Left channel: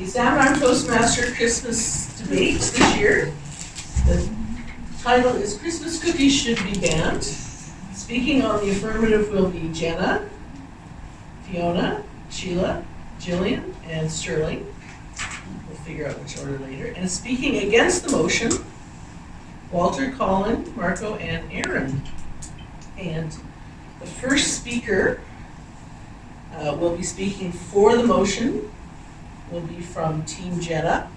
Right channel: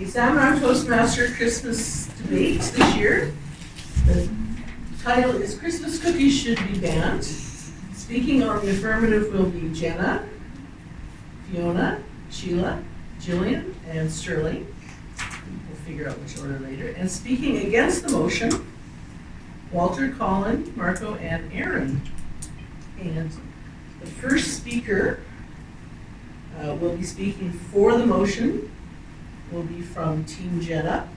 the Salmon Arm Toastmaster Christmas debate this year. The title is Christmas Cookies Should Be Banned. Speaking on the affirmative will be Jenna, Fiona, Sheila, Jillian, and Sterling. We'll figure out which order later. And speaking against the motion, Walter, Colin, Marco, and Aaron. And the first speaker will be speaking for the motion, will be from Team Jenna.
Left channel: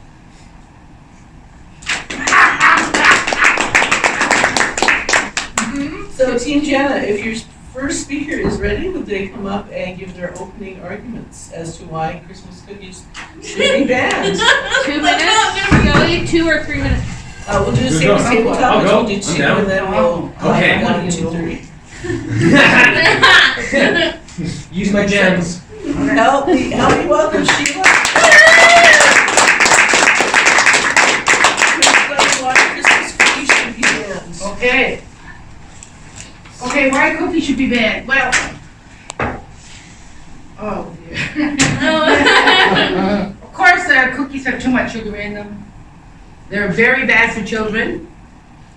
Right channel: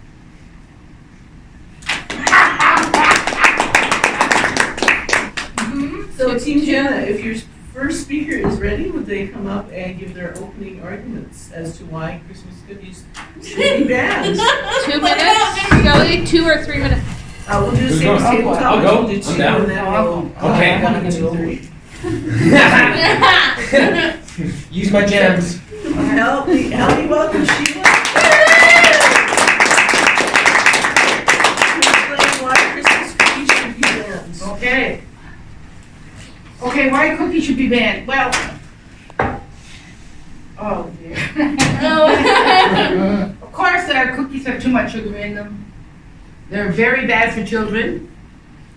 So Team Jenna, if your first speaker is ready, would they come up and give their opening arguments as to why Christmas cookies should be banned? 2 minutes? We go 2 or 3 minutes. We'll do the same as tabletop, which we'll do 2 down. and then we'll Okay. go into 3. Use my gems. Help me welcome Sheila. Explain why Christmas cookies should be banned. Okay, why cookies should be banned? Well, oh dear. Of course, cookies have too much sugar in them. They're very bad for children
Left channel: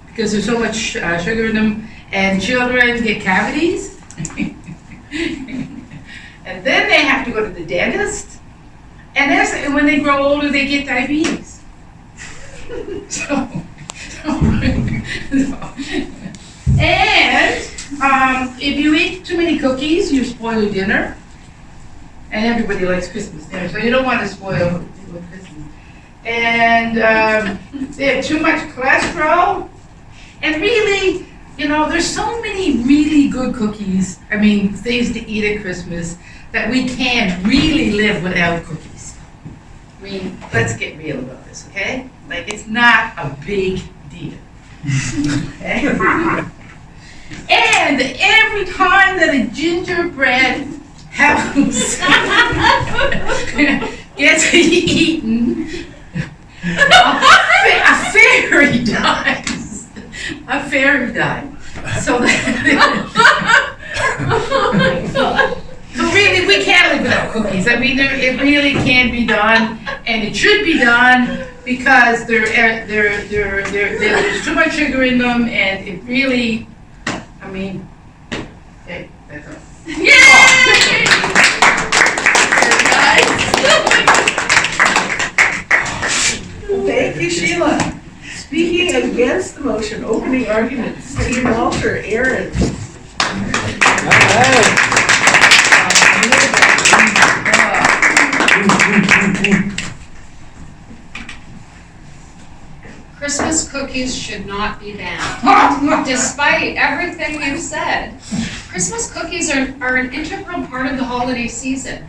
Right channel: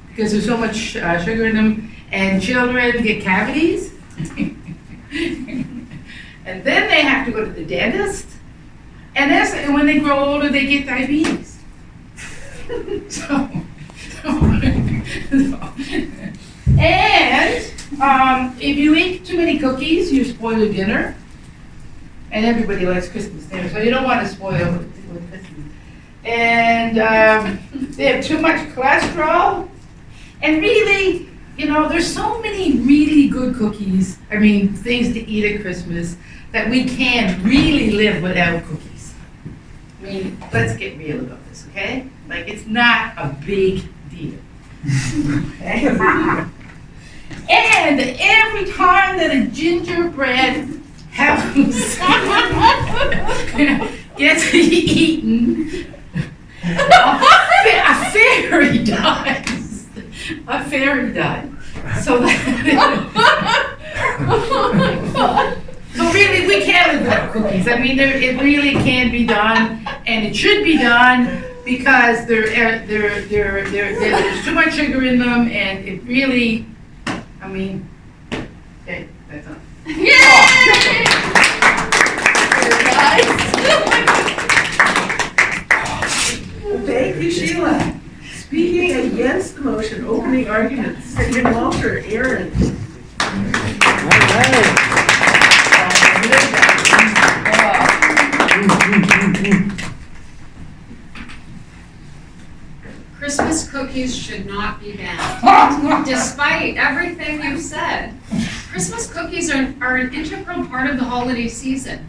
because there's so much sugar in them, and children get cavities. And then they have to go to the dentist, and when they grow older, they get diabetes. And if you eat too many cookies, you spoil your dinner. And everybody likes Christmas dinner, so you don't want to spoil with Christmas. And they have too much cholesterol. And really, there's so many really good cookies, things to eat at Christmas, that we can't really live without cookies. Let's get real about this, okay? It's not a big deal. Okay? And every time that a gingerbread house gets eaten, a fairy dies. A fairy died. So really, we can't live without cookies. It really can be done, and it should be done because there's too much sugar in them, and it really, okay, that's all. Yay! Thank you, Sheila. Speaking against the motion, opening arguments, Stephen Walter, Aaron. Christmas cookies should not be banned. Despite everything you've said, Christmas cookies are an integral part of the holiday season.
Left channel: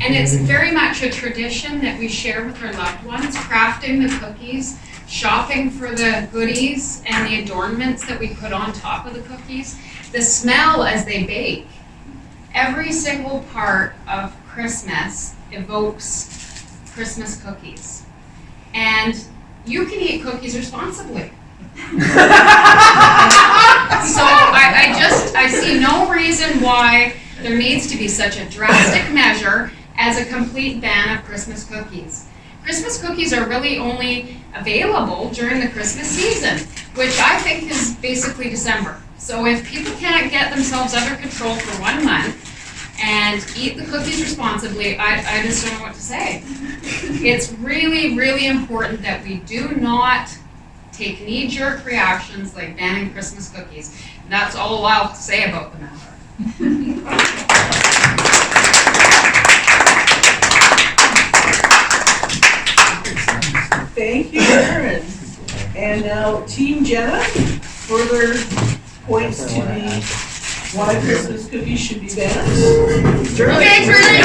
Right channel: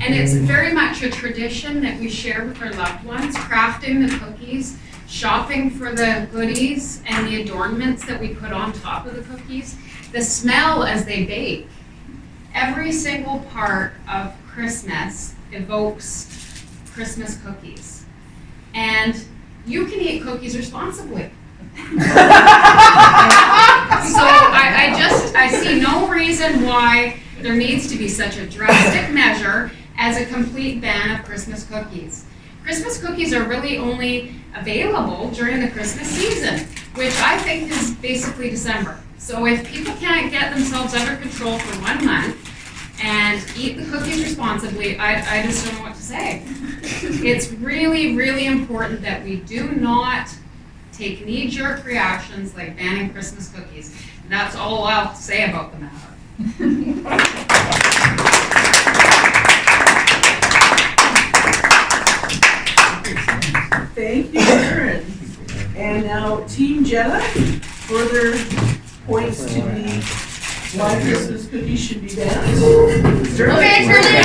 And it's very much a tradition that we share with our loved ones, crafting the cookies, shopping for the goodies and the adornments that we put on top of the cookies, the smell as they bake. Every single part of Christmas evokes Christmas cookies. And you can eat cookies responsibly. So I see no reason why there needs to be such a drastic measure as a complete ban of Christmas cookies. Christmas cookies are really only available during the Christmas season, which I think is basically December. So if people can't get themselves under control for 1 month and eat the cookies responsibly, I just don't know what to say. It's really, really important that we do not take knee-jerk reactions like banning Christmas cookies. And that's all I'll say about the matter. Thank you, Aaron. And now Team Jenna, further points to the why Christmas cookies should be banned. Okay, Shirley.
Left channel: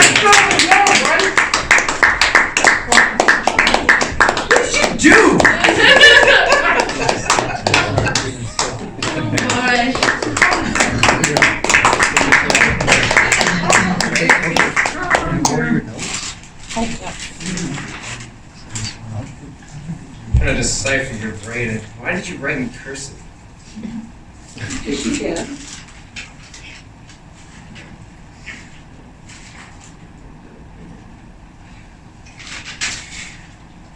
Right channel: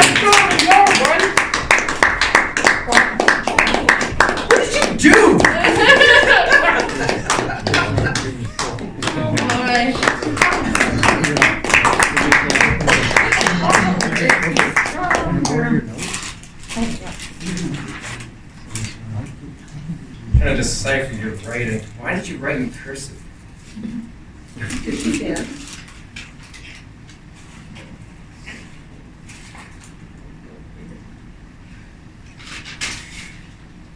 What did you do? Trying to decipher your writing. Why did you write in cursive? Yes, you can.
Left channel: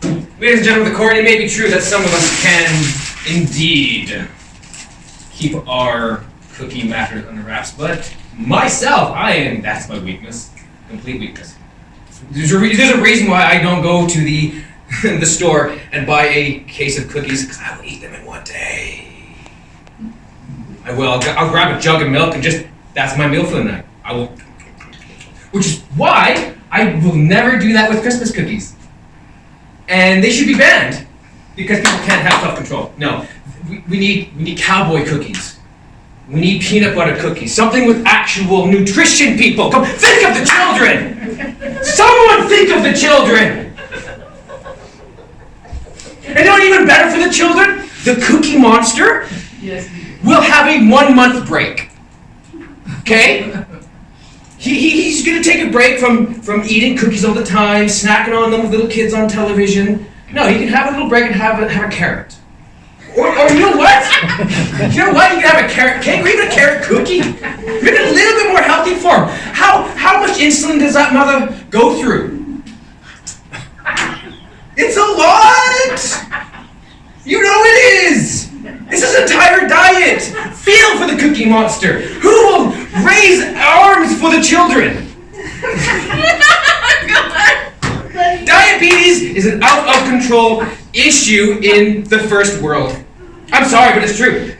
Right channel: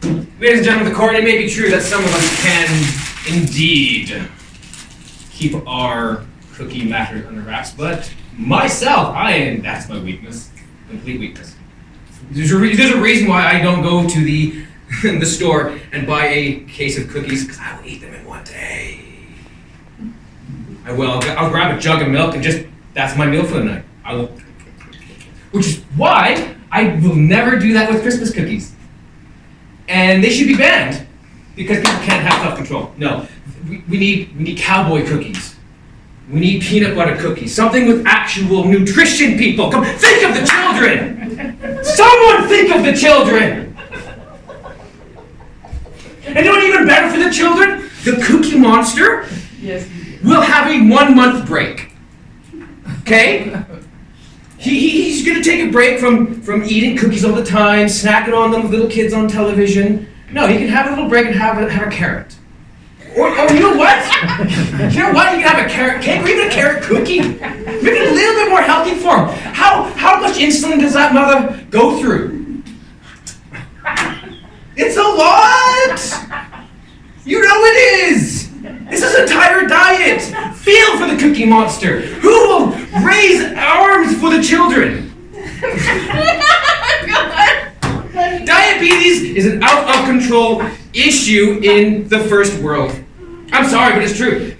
Ladies and gentlemen of the court, it may be true that some of us can indeed keep our cookie matters under wraps, but myself, that's my weakness. Complete weakness. There's a reason why I don't go to the the store and buy a case of cookies, because I will eat them in one day. I will. I'll grab a jug of milk and that's my meal for the night. I will. Which is why I will never do that with Christmas cookies. And they should be banned because people can't have self-control. No, we need cowboy cookies. We need peanut butter cookies. Something with actual nutrition, people. Come, think of the children. Someone think of the children. And you know what even better for the children? The Cookie Monster will have a 1 month break. Okay? He's gonna take a break from eating cookies all the time, snacking on them with little kids on television. No, he can have a little break and have a carrot. Or you know what? You know what? You can have a carrot cake or even a carrot cookie. Make it a little bit more healthy for him. How much insulin does that mother go through? It's a lot! You know it is! This is an entire diet! Feel for the Cookie Monster! Who will raise arms for the children? Diabetes is an out-of-control issue in the first world. I'm sorry, but it's true.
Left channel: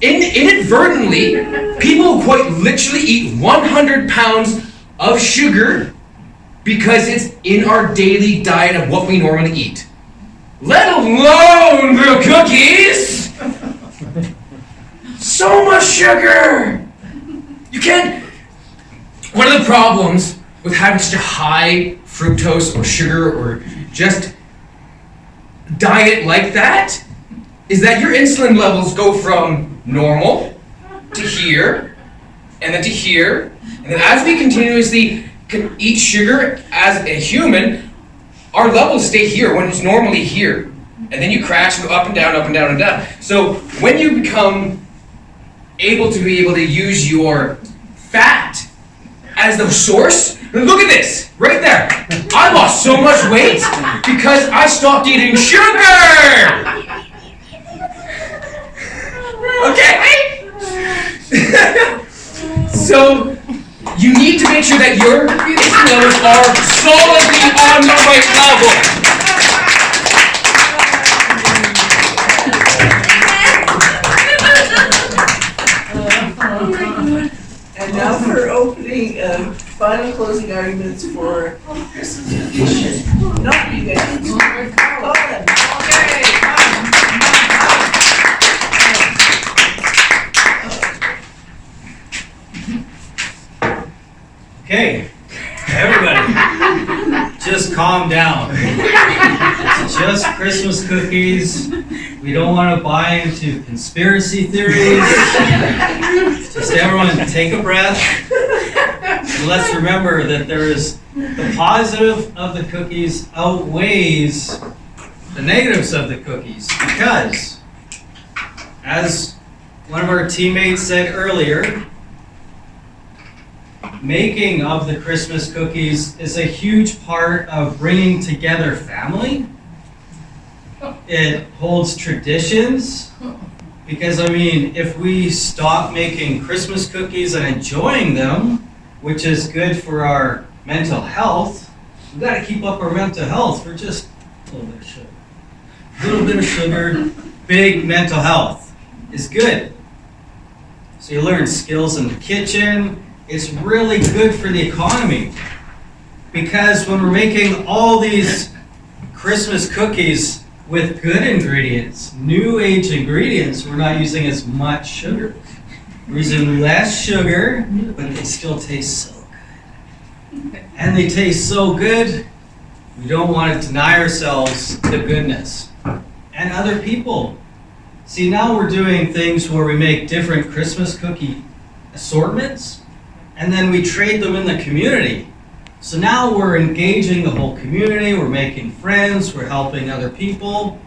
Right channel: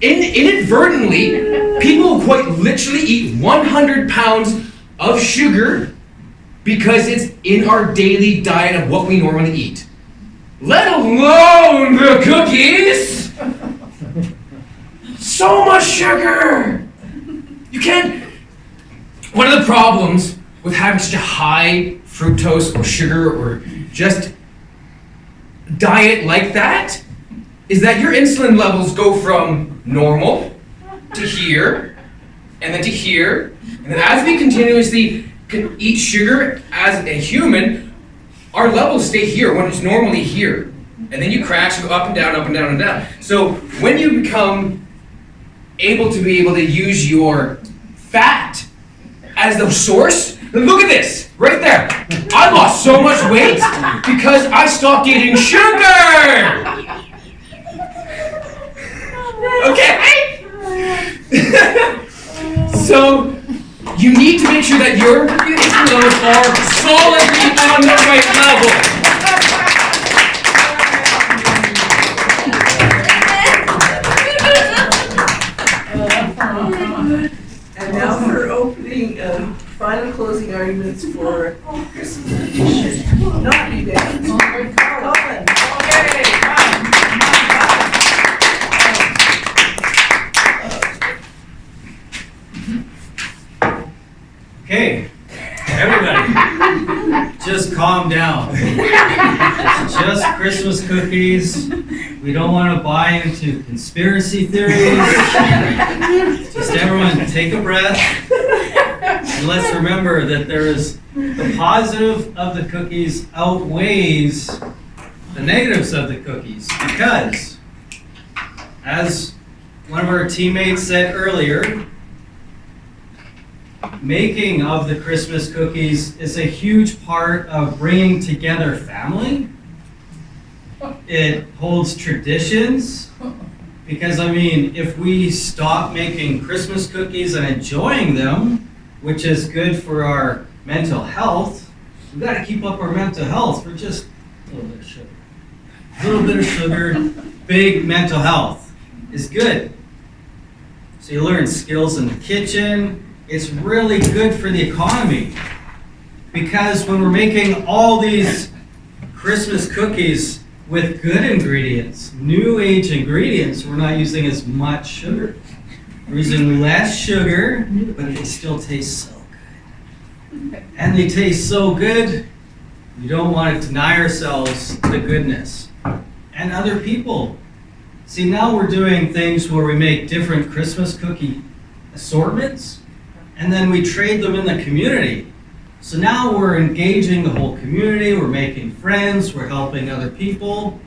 Inadvertently, people quite literally eat 100 pounds of sugar because it's in our daily diet of what we normally eat. Let alone the cookies! So much sugar! You can't... One of the problems with having such a high fructose or sugar or just diet like that is that your insulin levels go from normal to here, and then to here, and then as we continuously can eat sugar as a human, our levels stay here when it's normally here. And then you crash and go up and down, up and down, and down. So when you become able to use your fat as the source, look at this, right there. I lost so much weight because I stopped eating sugar. Okay? So you need to make sure that your insulin levels are solidly on the right level. And now for opening, final closing arguments for Christmas cookies should not be banned. Colin. Okay, everybody, just calm down. It's just Christmas cookies. We don't want to buy into conspiracy theories. Just everyone take a breath. And let's remember that the positive of the cookies outweighs the negatives of the cookies, because as one of our teammates said earlier, making of the Christmas cookies is a huge part of bringing together family. It holds traditions, because if we stop making Christmas cookies and enjoying them, which is good for our mental health, we've got to keep up our mental health for just a little bit of sugar. A little bit of sugar, big mental health is good. So you learn skills in the kitchen. It's really good for the economy, because when we're making all these Christmas cookies with good ingredients, new age ingredients, we're not using as much sugar. We're using less sugar, but they still taste so good. And they taste so good, we don't want to deny ourselves the goodness. And other people. See, now we're doing things where we make different Christmas cookie assortments, and then we trade them in the community. So now we're engaging the whole community, we're making friends, we're helping other people.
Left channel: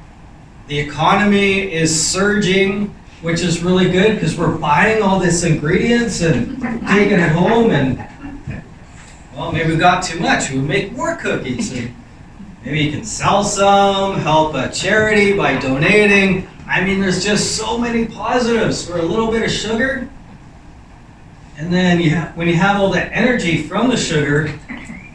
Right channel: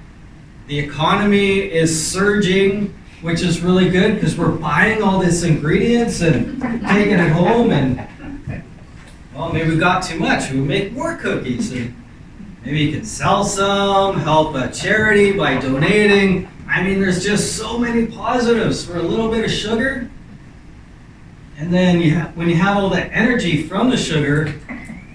The economy is surging, which is really good because we're buying all these ingredients and taking it home, and well, maybe we got too much. We would make more cookies, and Maybe you can sell some, help a charity by donating. I mean, there's just so many positives for a little bit of sugar. And then when you have all that energy from the sugar,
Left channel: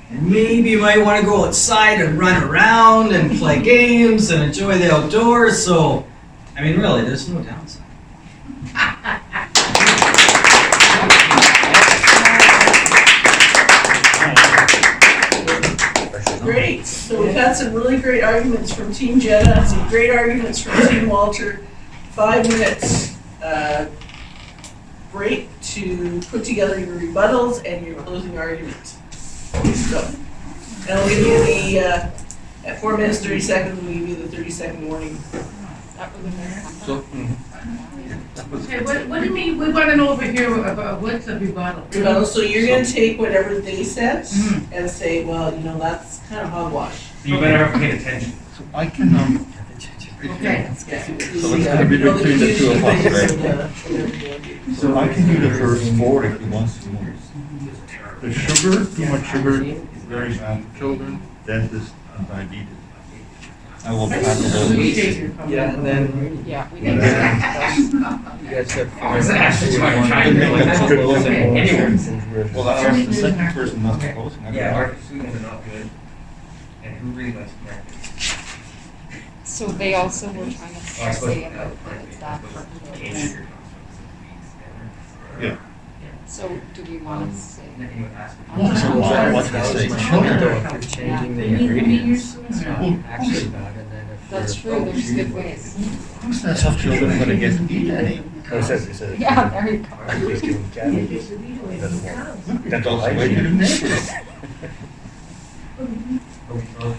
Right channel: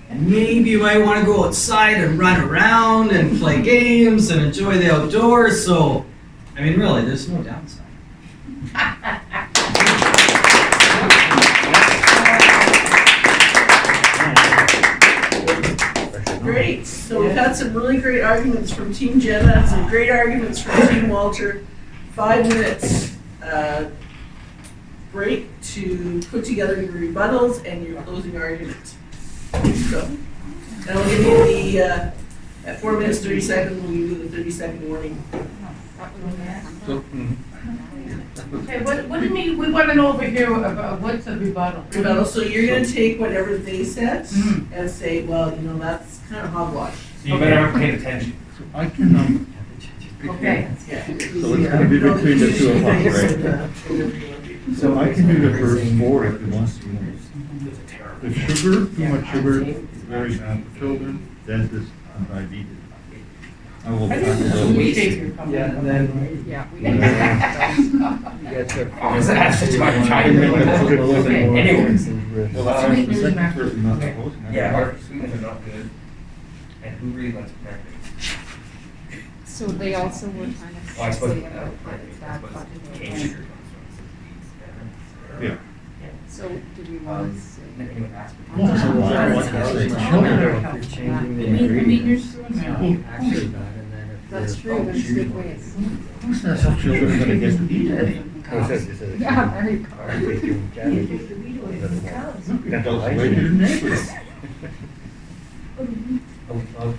maybe you might want to go outside and run around and play games and enjoy the outdoors. So, I mean, really, there's no downside. Great, so we've had some really great arguments from Team Jenna, some great arguments from Team Walter. 5 minutes break to put together your rebuttals and your closing argument. So, and I'll give you the, at 4 minutes, 30 seconds, we'll give you the 30-second warning. Okay, what do you mean, we want to know over here about what's a rebuttal? Rebuttal, so you're gonna take whatever they said and say, well, you know, that's kind of hogwash. You better have paid attention. So I can, Okay. Yeah. So it's gonna be You know, the between the two of us, community right? and so I can do the first 4 if you want to. The sugar, too much sugar is very bad for children, dentists, and diabetes. I will tackle We those. take your comment. Yeah, and then Yeah. I was asked to talk time. Anyways. Well, the second person must be close. Yeah, our students are not good. And who really lets practice? So they also were trying to Well, I suppose say about that. cane sugar comes from. Yeah. So do we want to say? Then you ask for- What do you say? Changing the ingredients, actually bad, and then if That's you're- true, there's good ways. Who says how children are gonna get to eat any? Yeah, there you go. That's also way to the neighbors.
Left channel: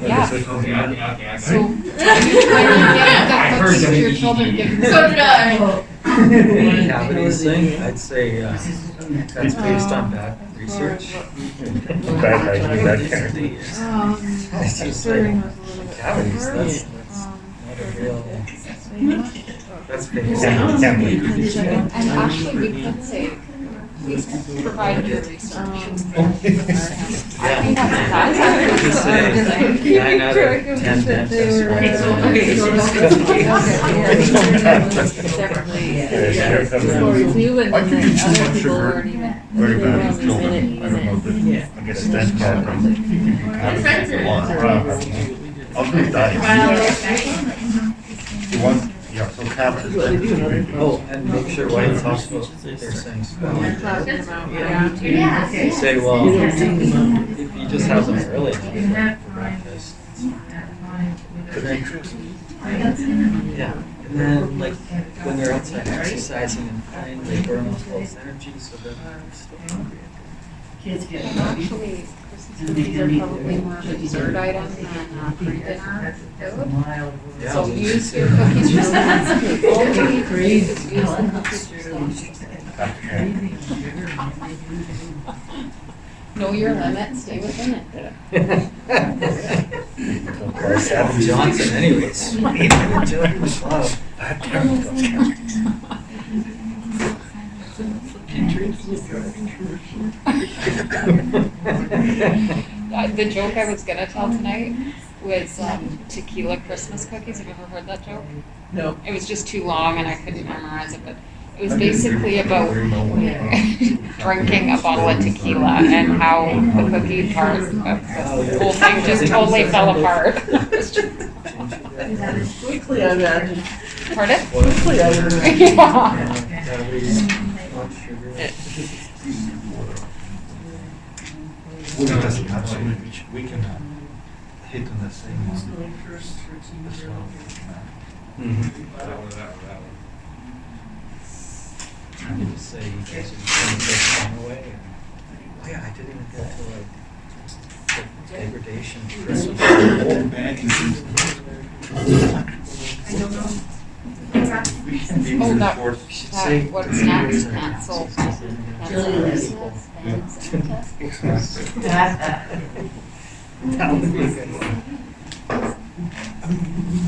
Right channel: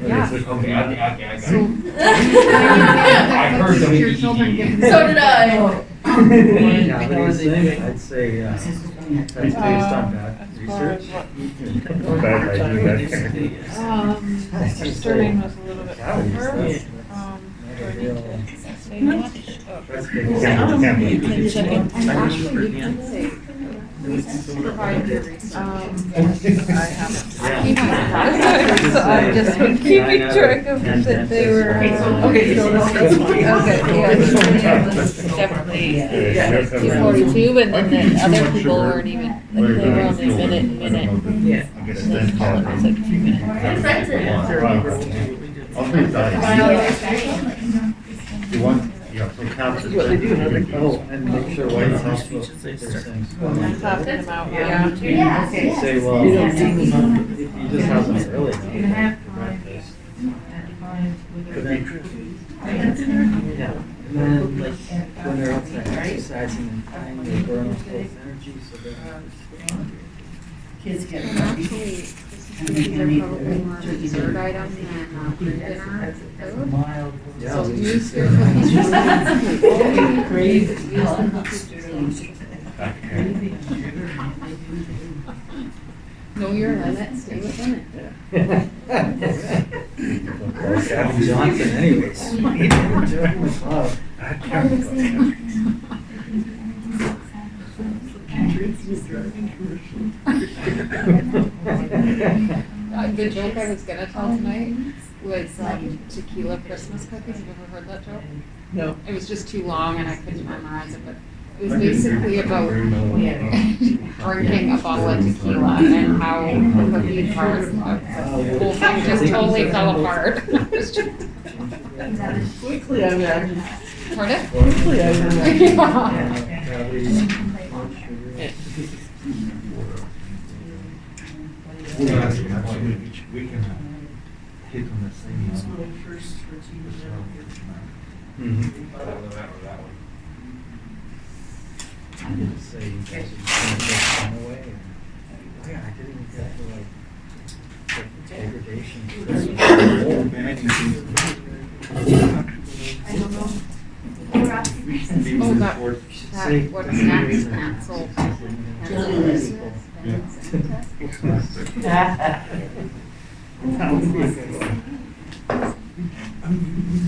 Yeah. Okay. So. I heard them. Your children give. So did I. Cavities thing, I'd say, that's based on bad research. I'd just say, cavities, that's not a real, that's based on. And actually, we could say, please provide your research. Keeping track of that they were. Okay, so Two, and then the other people aren't even, Very they were bad for only children. minute. Yeah. I guess that's Other diets. You want, yeah, so cabbage is very good. Oh, and make sure White House knows what they're saying. Yeah. Say, well, if you just have them early enough, breakfast. Yeah, and then like when they're outside exercising and playing, they burn those energy so that they're hungry. Kids get Actually, cookies are probably more of a dessert item than pre-dinner food. Yeah, So we use should your say- cookies just like. Great. Know your limit, stay within it. Adam Johnson anyways. He didn't do it in the club. The joke I was gonna tell tonight was tequila Christmas cookies. Have you ever heard that joke? No. It was just too long and I couldn't memorize it, but it was basically about drinking a bottle of tequila and how the cookie part, the whole thing just totally fell apart. Quickly, I imagine. Pardon? Quickly, I imagine. Yeah. We can have hit on the same Who's one. going first for Team Zero here? I'm gonna say, you guys are gonna take time away. Oh yeah, I didn't even get to like degradation. I don't know. We can be Oh, with that- the fourth. What snacks cancel? That would be a good one.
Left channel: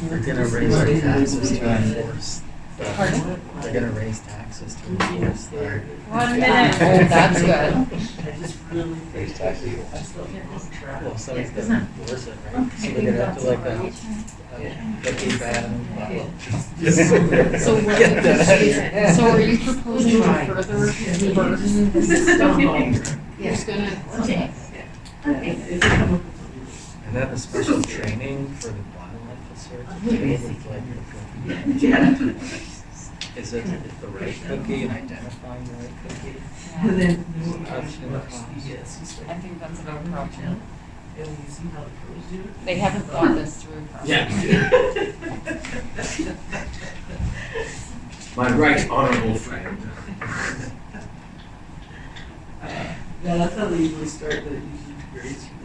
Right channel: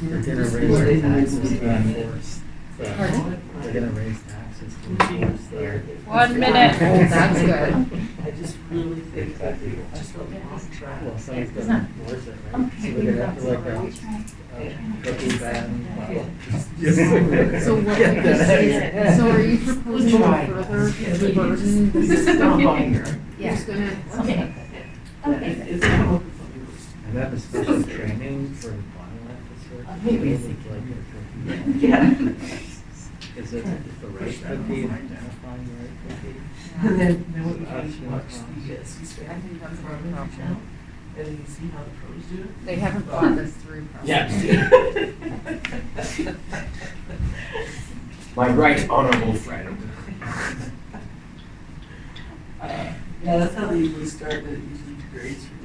We're gonna raise our taxes to enforce. They're gonna raise taxes to enforce their. 1 minute. Oh, that's good. I just really think, I just love the long track. Well, so it's worth it, right? So we're gonna have to like cookie ban. So what, Get that. so are you proposing to further burden This is Don Bond. who's gonna? Okay. If they come up with something. And then the special training for the bottle officers. Like, Yeah. is it the right cookie and identifying the right cookie? And then when we get C-SPAN, I think that's what on we're our channel, and we can see how the pros do it. They haven't thought this through. Yeah. My right honorable friend. Yeah, that's how they usually start, the usually grades from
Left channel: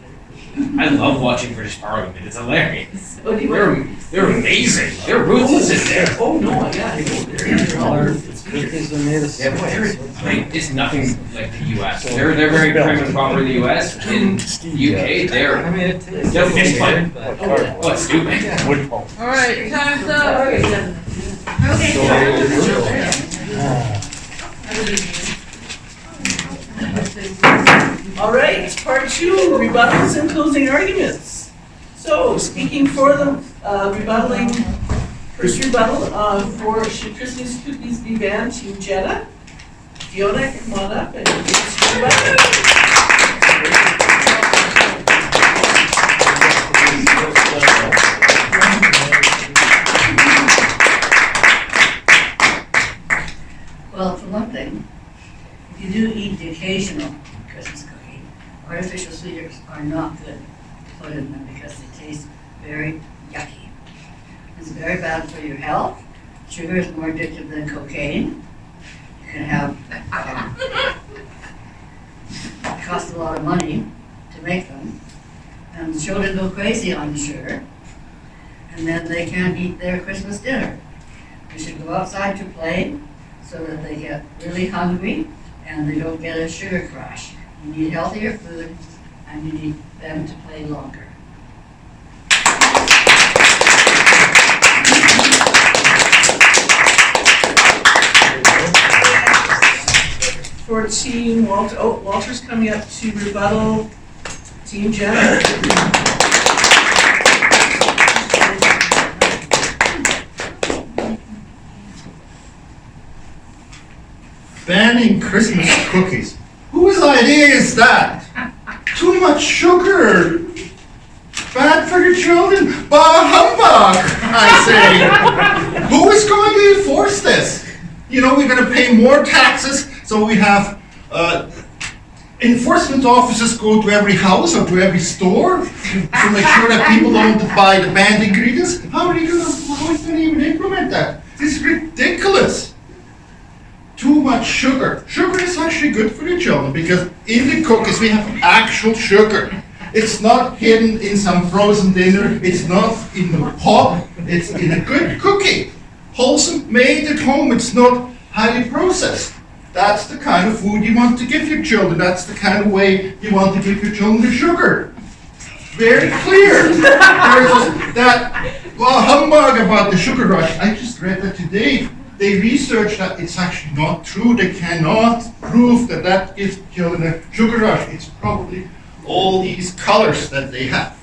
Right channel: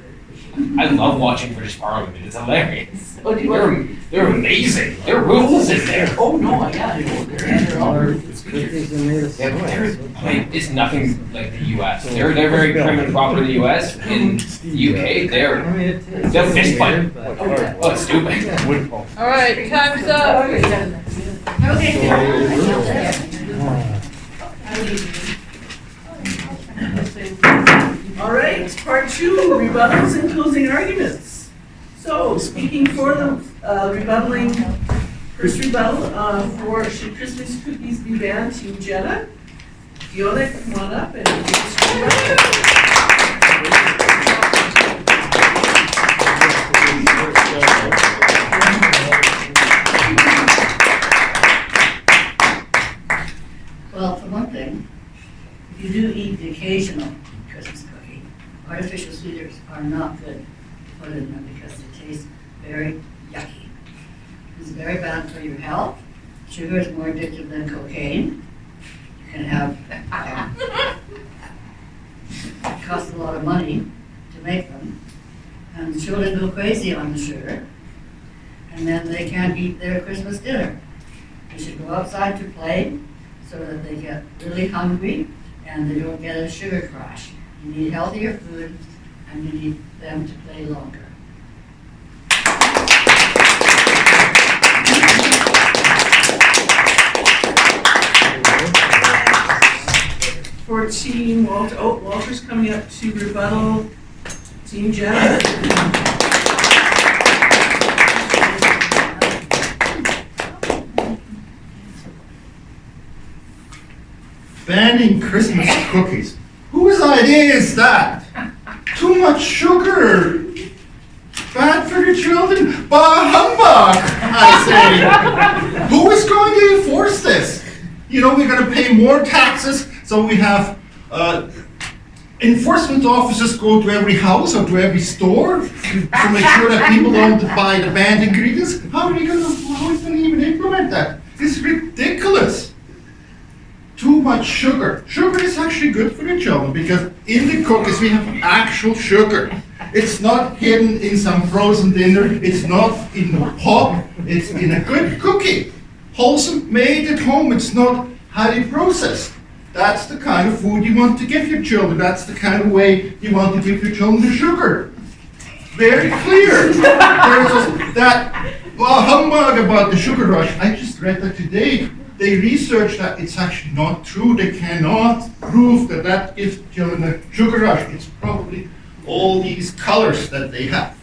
there. I love watching British Parliament. It's hilarious. Oh, do you They're, want? they're amazing. There are rules in there. Oh, no, yeah, I know, they're all. Cookies are made of Yeah, but sauce. like, it's nothing like the U.S. They're very prim and proper in the U.S. In the U.K., I they're mean, it tastes They're fish weird, fun. but. Oh, yeah. oh, it's stupid. All right, time's up. Okay, yeah. All right, part 2, rebuttals and closing arguments. So, speaking for the first rebuttal for Should Christmas Cookies Be Banned, Team Jenna. Fiona, come on up and give us your rebuttal. Well, for one thing, if you do eat the occasional Christmas cookie, artificial sweeteners are not good to put in them because they taste very yucky. It's very bad for your health. Sugar is more addictive than cocaine. You can have, it costs a lot of money to make them. And the children go crazy on the sugar. And then they can't eat their Christmas dinner. You should go outside to play so that they get really hungry and they don't get a sugar crash. You need healthier food and you need them to play longer. For Team Walter, oh, Walter's coming up to rebuttal. Team Jenna. Banning Christmas cookies. Whose idea is that? Too much sugar. Bad for the children. Bah humbug, I say. Who is going to enforce this? You know, we're going to pay more taxes, so we have enforcement officers go to every house or to every store to make sure that people don't buy the banned ingredients. How is going to even implement that? This is ridiculous. Too much sugar. Sugar is actually good for the children because in the cookies we have actual sugar. It's not hidden in some frozen dinner. It's not in the pop. It's in a good cookie. Wholesome, made at home. It's not highly processed. That's the kind of food you want to give your children. That's the kind of way you want to give your children the sugar. Very clear. There's that humbug about the sugar rush. I just read that today. They researched that it's actually not true. They cannot prove that that gives children a sugar rush. It's probably all these colors that they have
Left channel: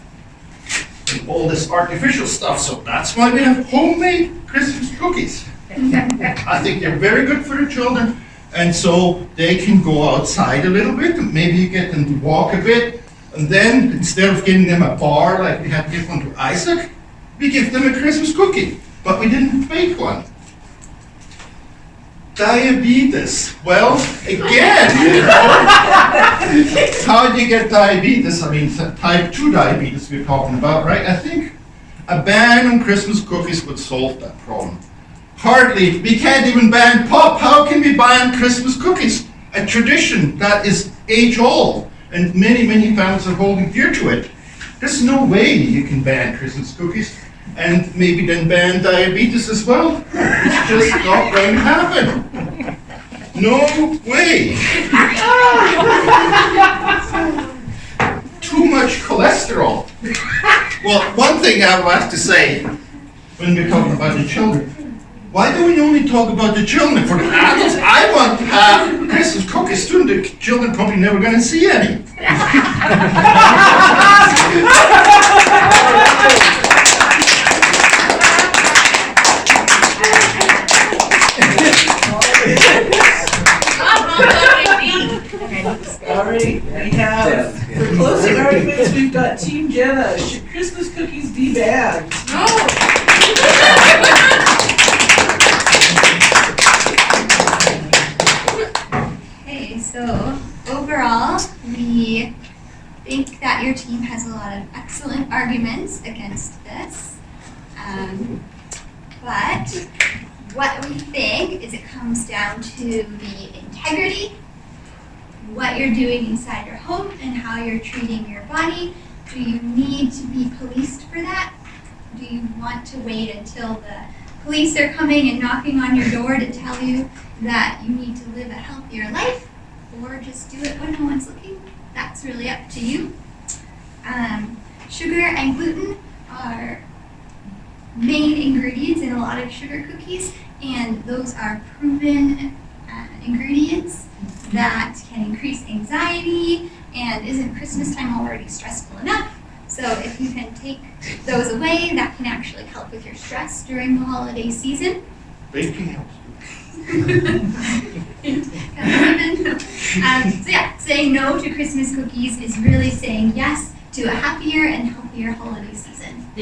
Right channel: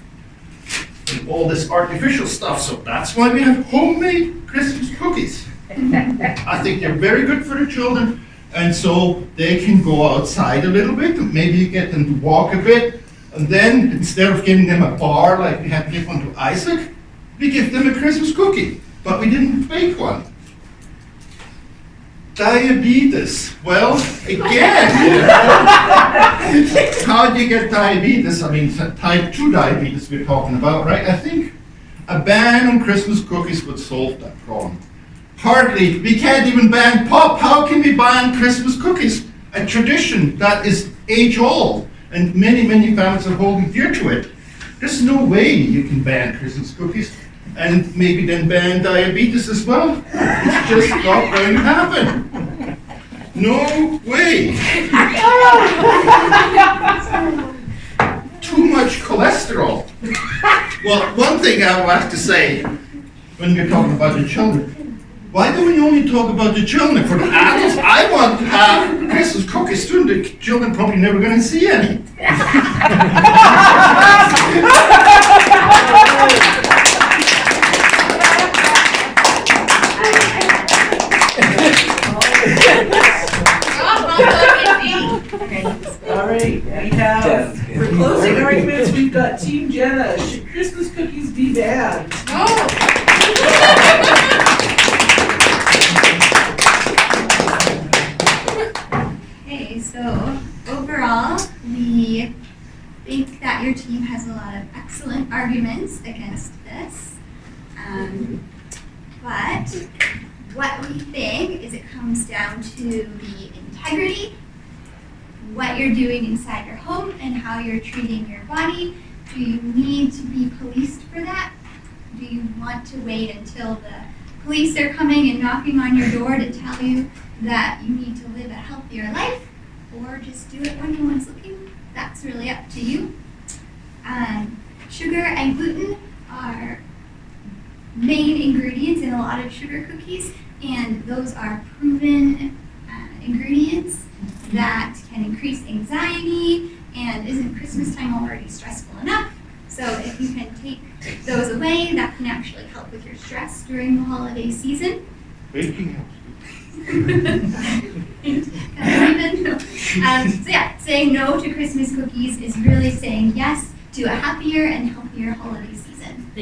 and all this artificial stuff. So that's why we have homemade Christmas cookies. I think they're very good for the children, and so they can go outside a little bit and maybe get them to walk a bit. And then instead of giving them a bar like we had to give one to Isaac, we give them a Christmas cookie, but we didn't bake one. Diabetes. Well, again, you know, how do you get diabetes? I mean, type 2 diabetes we're talking about, right? I think a ban on Christmas cookies would solve that problem. Hardly. We can't even ban pop. How can we ban Christmas cookies? A tradition that is age-old, and many, many families are holding dear to it. There's no way you can ban Christmas cookies and maybe then ban diabetes as well. It's just not going to happen. No way. Too much cholesterol. Well, one thing I have to say when you're talking about the children, Why do we only talk about the children? For the adults, I want to have Christmas cookies too, and the children probably never gonna see any. All right, we have, for closing arguments, we've got Team Jenna. Should Christmas cookies be banned? Okay, so overall, we think that your team has a lot of excellent arguments against this. But what we think is it comes down to the integrity, what you're doing inside your home, and how you're treating your body. Do you need to be policed for that? Do you want to wait until the police are coming and knocking on your door to tell you that you need to live a healthier life? Or just do it when no one's looking? That's really up to you. Sugar and gluten are main ingredients in a lot of sugar cookies, and those are proven ingredients that can increase anxiety, and isn't Christmas time already stressful enough? So if you can take those away, that can actually help with your stress during the holiday season. Baking helps. So yeah, saying no to Christmas cookies is really saying yes to a happier and healthier holiday season.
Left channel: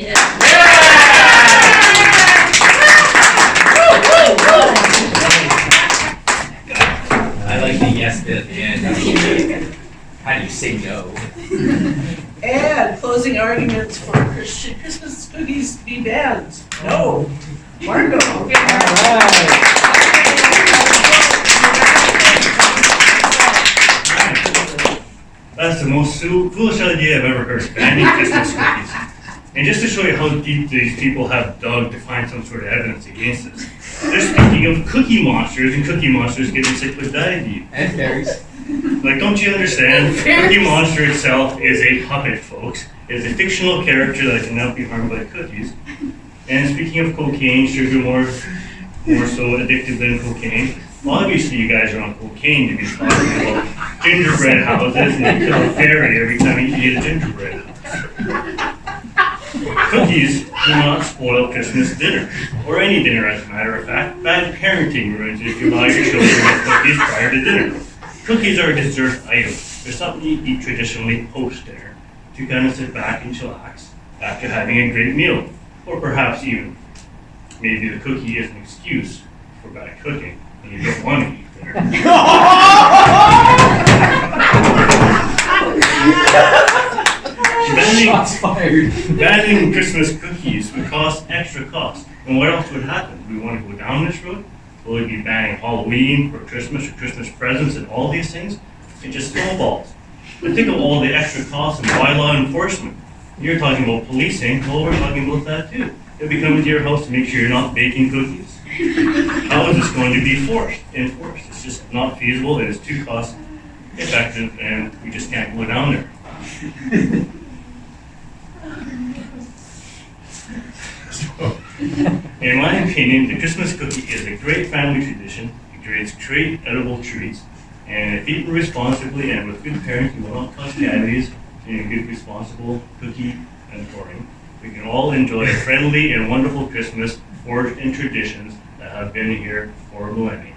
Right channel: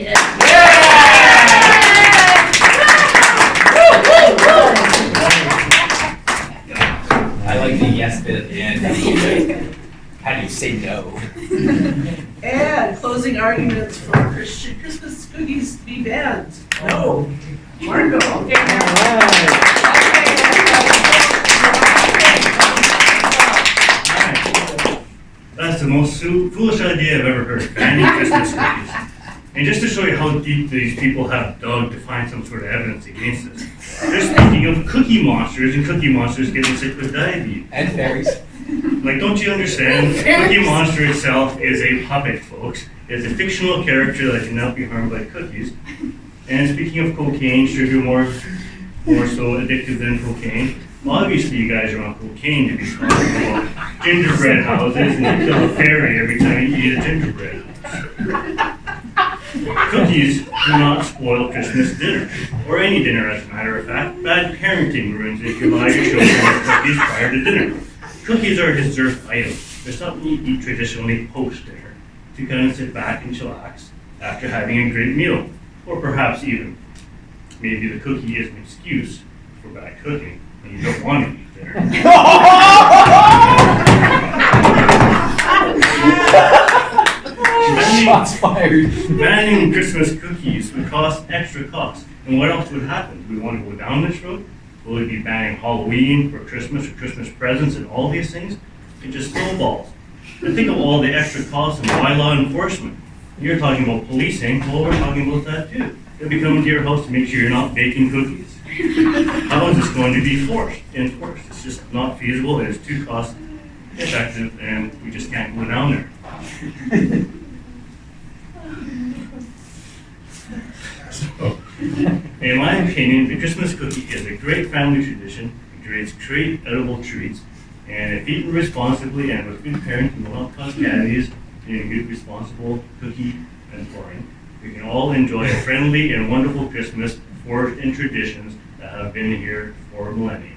I like the yes bit at the end. How do you say no? And closing arguments for should Christmas cookies be banned? No. Marco. That's the most foolish idea I've ever heard, banning Christmas cookies. And just to show you how deep these people have dug to find some sort of evidence against this, they're speaking of Cookie Monsters and Cookie Monsters getting sick with diabetes. And fairies. Like, don't you understand? Cookie Monster itself is a puppet, folks. It's a fictional character that cannot be harmed by cookies. And speaking of cocaine, sugar more so addictive than cocaine. Obviously, you guys are on cocaine to be talking about gingerbread houses and you kill a fairy every time you eat a gingerbread house. Cookies do not spoil Christmas dinner, or any dinner as a matter of fact. Bad parenting ruins if you allow your children to eat cookies prior to dinner. Cookies are a dessert item. They're something you eat traditionally post-dinner to kind of sit back and chillax after having a great meal. Or perhaps even, maybe the cookie is an excuse for bad cooking and you don't want to eat dinner. Banning Christmas cookies would cost extra cost. And what else would happen? Do we want to go down this road? Will we be banning Halloween or Christmas presents and all these things? It just snowballs. But think of all the extra costs and why law enforcement. You're talking about policing, well, we're talking about that too. They'll be coming to your house to make sure you're not baking cookies. How is this going to be enforced? It's just not feasible, it is too cost effective, and we just can't go down there. In my opinion, the Christmas cookie is a great family tradition. It creates great edible treats, and if eaten responsibly and with good parenting, will not cause cavities in a good, responsible cookie and pouring. We can all enjoy a friendly and wonderful Christmas forged in traditions that have been here for millennia.